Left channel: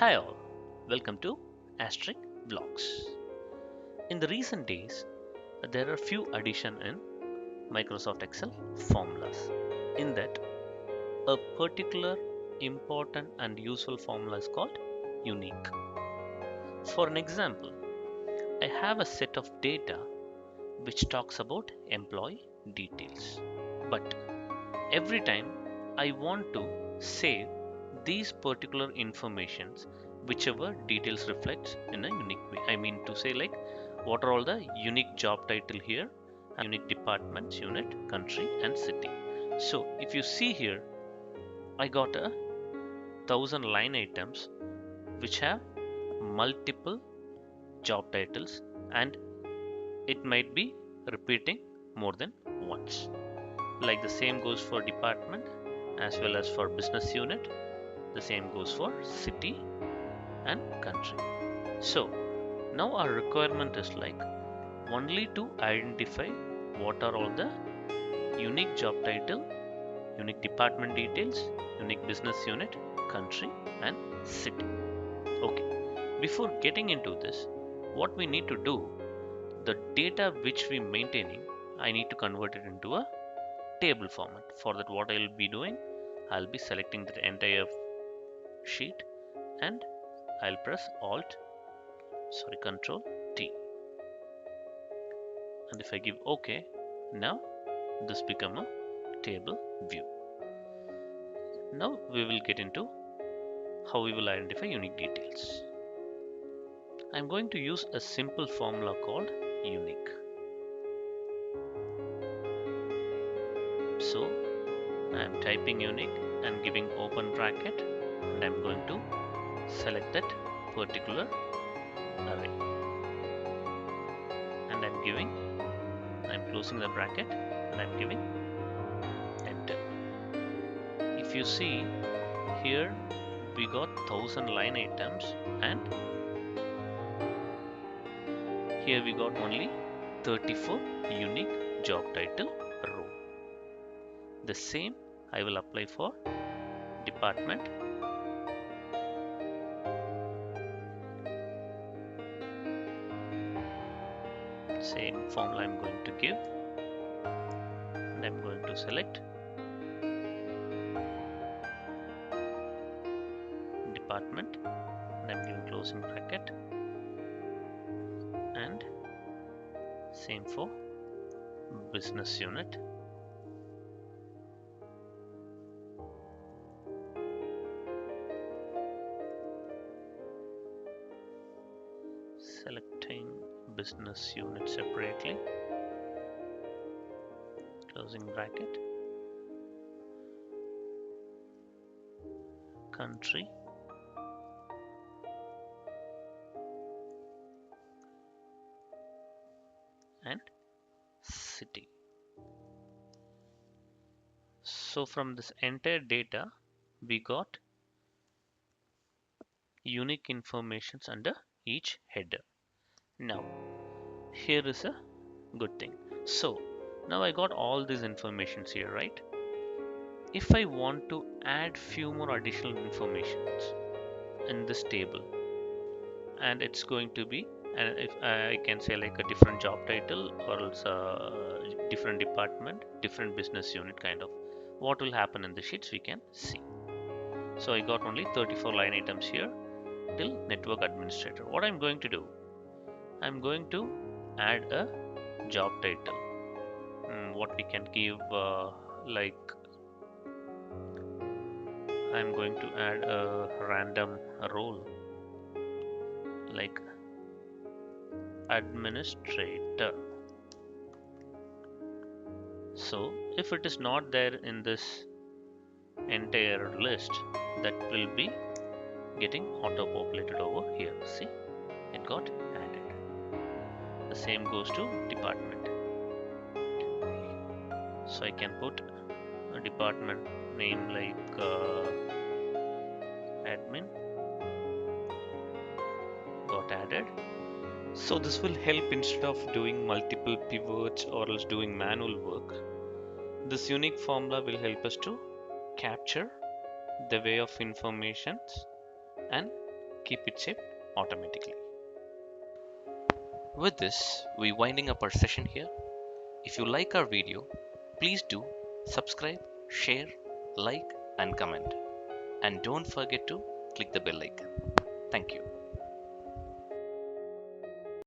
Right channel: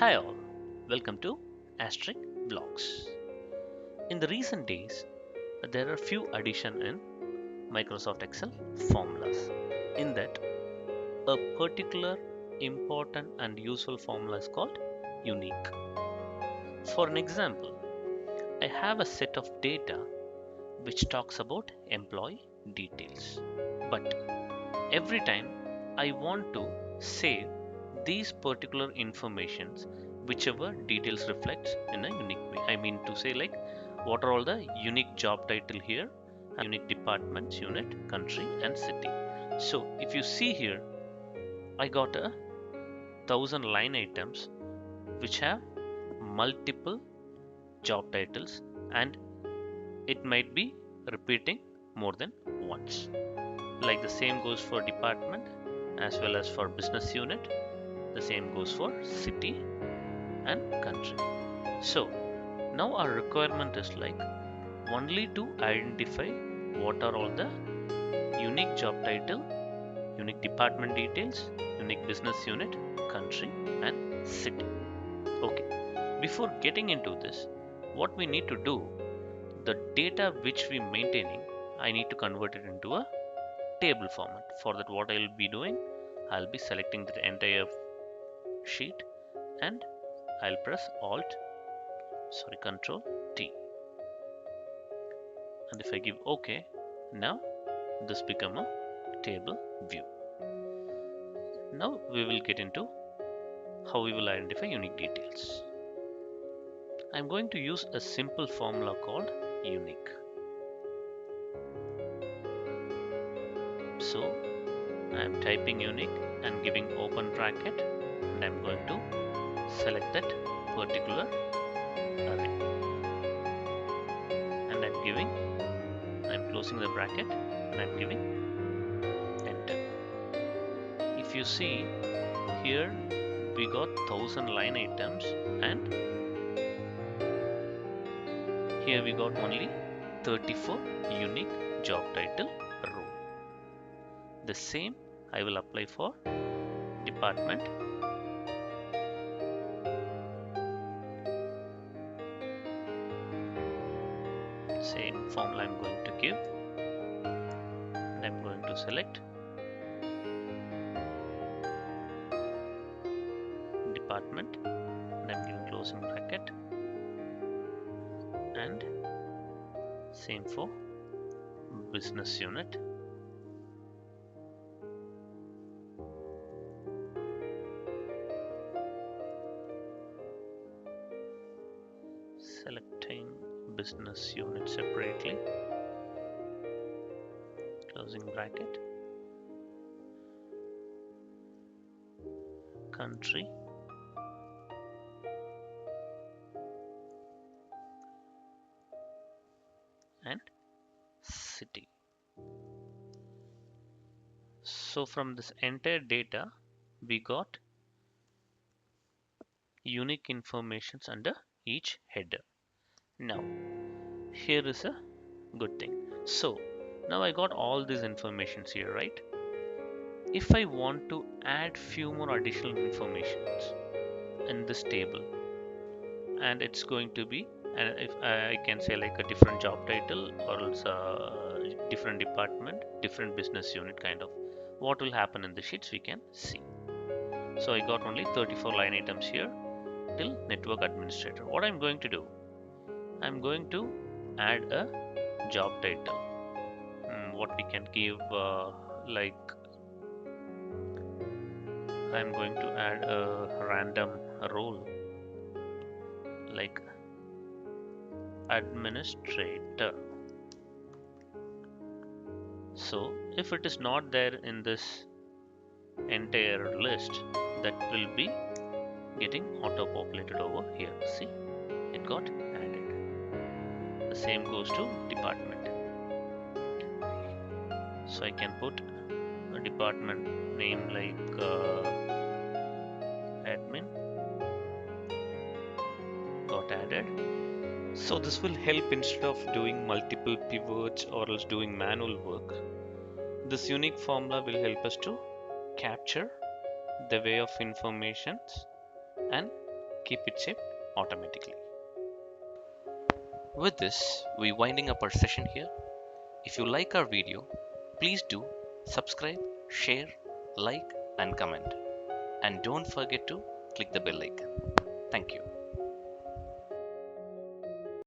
Hi all, welcome to Asterisk Vlogs. In the recent days, there are few addition in Microsoft Excel formulas. In that, a particular important and useful formula is called unique. For an example, I have a set of data which talks about employee details. But every time I want to save these particular informations, whichever details reflects in a unique way. I mean to say, like, what are all the unique job title here, unique departments, unit, country and city. So if you see here, I got a 1,000 line items which have multiple job titles, and it might be repeating more than once. Like the same goes for department as well as for business unit. The same goes for city and country. So now our requirement is like only to identify what are all the unique job title, unique department details, unique business unit, country and city. Okay, before getting into this, what we need to do, the data which we maintaining, I need to convert it into a table format. For that, what I'll be doing, I'll be selecting the entire sheet and I'll press Control T. And if I give OK, now this become a table view. Now we will get into how we will identify unique details. I'm going to use a simple formula called unique. So I'm typing unique and giving open bracket, and I'm going to select that particular array, and I'm closing the bracket and I'm giving enter. If you see here, we got 1,000 line items, and here we got only 34 unique job title row. The same I will apply for department. Same formula I'm going to give, and I'm going to select department, and I'm giving closing bracket, and same for business unit. Selecting business unit separately, closing bracket, country, and city. So from this entire data, we got unique informations under each header. Now here is a good thing. So now I got all these informations here, right? If I want to add few more additional informations in this table, and it's going to be, and if I can say like a different job title or else a different department, different business unit kind of, what will happen in the sheets we can see. So I got only 34 line items here till network administrator. What I'm going to do, I'm going to add a job title. What we can give, like I'm going to add a random role like administrator. So if it is not there in this entire list, that will be getting auto populated over here. See, it got added. The same goes to department. So I can put a department name like admin, got added. So this will help instead of doing multiple pivots or else doing manual work. This unique formula will help us to capture the way of information and keep it saved automatically. With this, we're winding up our session here. If you like our video, please do subscribe, share, like, and comment. And don't forget to click the bell icon. Thank you.